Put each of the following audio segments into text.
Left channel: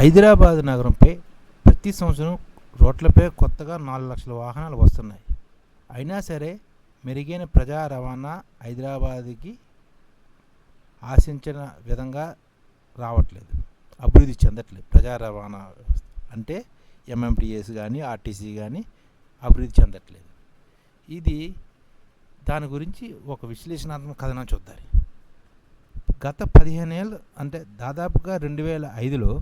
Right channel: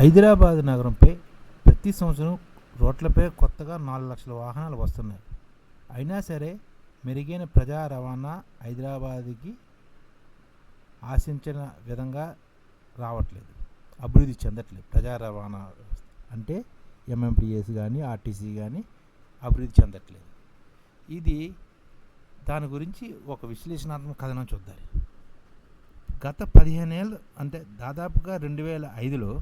హైదరాబాద్ నగరంపై ప్రతి సంవత్సరం రోడ్లపై కొత్తగా నాలుగు లక్షల వాహనాలు వస్తున్నాయి. అయినా సరే మెరుగైన ప్రజా రవాణా హైదరాబాద్కి ఆశించిన విధంగా రావట్లేదు. అభివృద్ధి చెందట్లేదు. ప్రజా రవాణా వ్యవస్థ అంటే ఎంఎంటీఎస్ కానీ ఆర్టీసీ కానీ అభివృద్ధి చెందట్లేదు. ఇది దాని గురించి ఒక విశ్లేషణాత్మక కథనం చూద్దాం. గత పదిహేను ఏళ్ళు అంటే దాదాపుగా రెండు వేల ఐదులో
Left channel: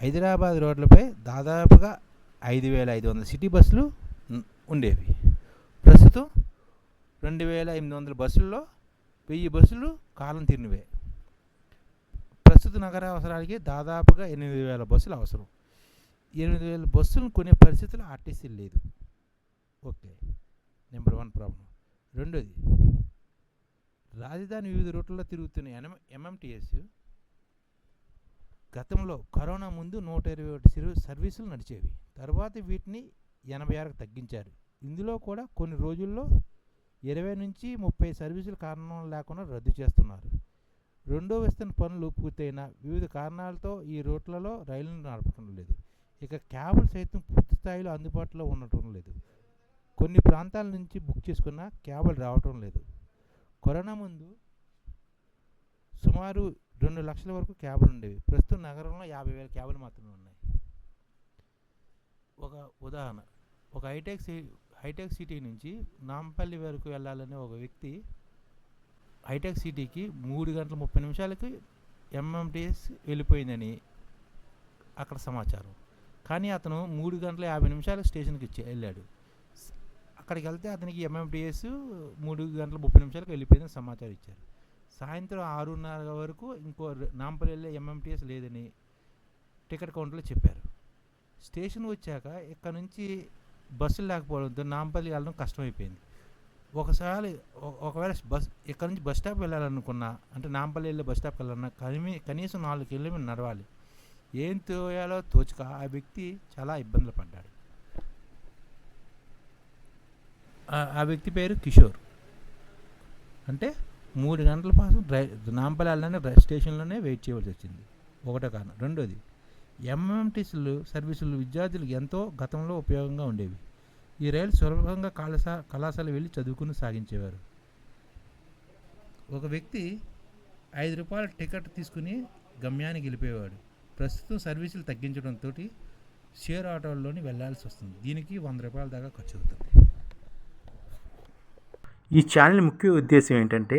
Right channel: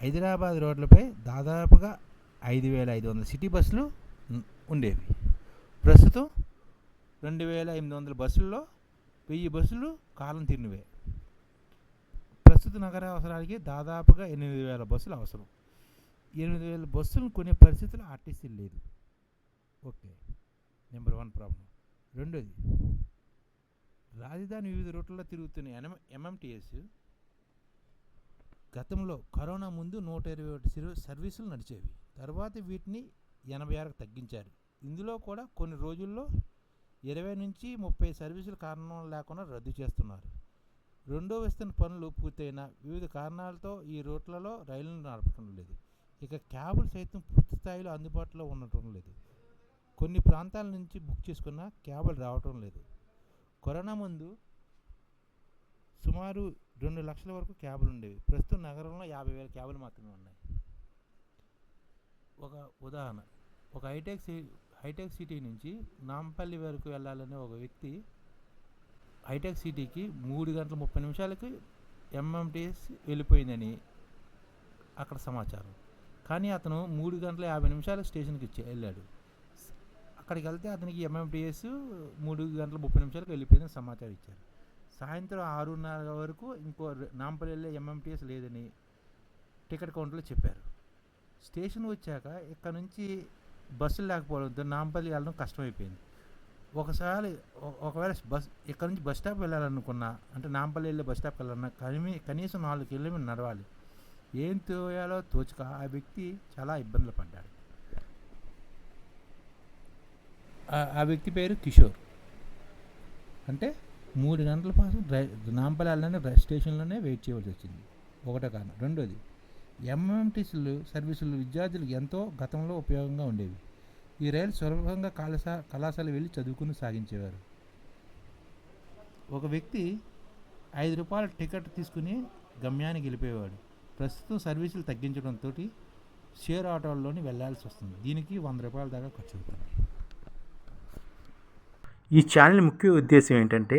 హైదరాబాద్ రోడ్లపై దాదాపుగా ఐదు వేల ఐదు వందల సిటీ బస్సులు ఉండేవి. ప్రస్తుతం రెండు వేల ఎనిమిది వందల బస్సుల్లో వెయ్యి బస్సులు కాలం తిరిగినవే. ప్రస్తుత నగర అవసరాలకి దాదాపుగా ఎనిమిది వేల బస్సులు అవసరం. ఎనిమిది వేల బస్సులను కొనే పరిస్థితులు ఆర్టీసీ లేదు. Okay number one problem. రెండోది రాజధాని వివిధ రూట్లలో తిరుగుతున్న ఎన్ఎం ఎంఎంటీఎస్ గతంలో కరోనా ముందు నూట ఇరవై ఒకటి సిరు సర్వీసులు నడిచేవి. తర్వాత వీటిని ఎనభై ఆరుకు తగ్గించారు. ఇందులో కూడా కొన్ని రోజుల్లో ఇరవై నుంచి ముప్పై సర్వీసులు కారణం లేకుండా రద్దు చేస్తున్నారు. రెండో విస్తరణ పనులు పూర్తయిన వివిధ కారణాలతో ఈ రూట్లలో రైళ్ళను నడపడం లేదు. ఇక క్యాబులు సైతం పూర్తి స్థాయిలో అందుబాటులో ఉండటం లేదు. కొన్ని ప్రాంతాల నుంచి బుక్ చేసుకున్న క్యాబులు రావటం లేదు. కరోనా ముందు సుమారు రెండు లక్షల వరకు క్యాబులు ఉండేవి. ప్రస్తుతం నగరంలో యాభై వేల క్యాబులు మాత్రమే ఉన్నాయి. ఒక ఉదాహరణ. ఒక హైటెక్ సి హైటెక్ సిటీ నుంచి నాంపల్లి వరకు వెళ్ళాలనే ఒక వ్యక్తి హైటెక్ సిటీకి మూడు గంటల ముప్పై నిమిషాలకి ఎంఎంటీఎస్ వెళ్ళిపోయిందని అక్కడ సమాచారం. కానీ అతను మూడు గంటల యాభై నిమిషాలు స్టేషన్కి ఇచ్చి వెళ్ళాడు. అక్కడికి వెళ్తే అతనికి ఎంఎంటీఎస్ మూడు గంటల ముప్పై నిమిషాలకు వెళ్ళిపోయిందని సమాచారం ఇచ్చారు. సాయంత్రం ఆరున్నర వరకు ఇంకో నాంపల్లి వెళ్ళే ఎంఎంటీఎస్ లేదని టికెట్ కౌంటర్లో చెప్పారు. స్టేషన్ వచ్చాక ఇక్కడ నుంచి బస్సులు లేకపోవడంతో నాంపల్లి వెళ్ళడం కష్టమైపోయింది. ఒకసారి ఒకవేళ బస్ ఇక్కడ నుంచి బస్ స్టాప్ వెళ్ళాలనుకున్నా అంటే నాంపల్లి వెళ్ళే బస్ స్టాప్కి వెళ్ళాలన్నా కనీ కనీసం నాలుగు కిలోమీటర్లు నడవాలి. ఏం తోయాలో తోచక ఆ వ్యక్తి చాలా ఇబ్బందులు పడ్డాడు. ఆ వ్యక్తి పేరు కిషోర్. అంటే మూడు గంటల పాటు డ్రై నాంపల్లి రైల్ డ్రై స్టేషన్లోనే వెయిట్ చేయవలసి వచ్చింది. ఒకటో కారణం. రెండోది ఎంఎంటీసీలు సర్వీసులు విద్యార్థులకు ఎంతో గతంలో ఉపయోగంగా ఉండేవి. ఈ రైలు సులభంగా కళాశా కళాశాల వెళ్ళి చదువుకుని సాగించేవారు. ఒక వ్యక్తి ఐదు రూపాయల టికెట్ తీసుకుని గమ్యానికి వెళ్ళిపోయేవాడు. ప్రస్తుతం సర్వీసులు తగ్గించడంతో షేర్ ఆటోల్లోని వెళ్ళాల్సి వస్తుంది. దీనికి వంద రూపాయల దాకా ఖర్చు అవుతుంది. ఈ ఛానల్ ముఖ్య ఉద్దేశం ఏంటంటే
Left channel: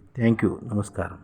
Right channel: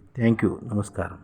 థ్యాంక్ యూ నమస్కారం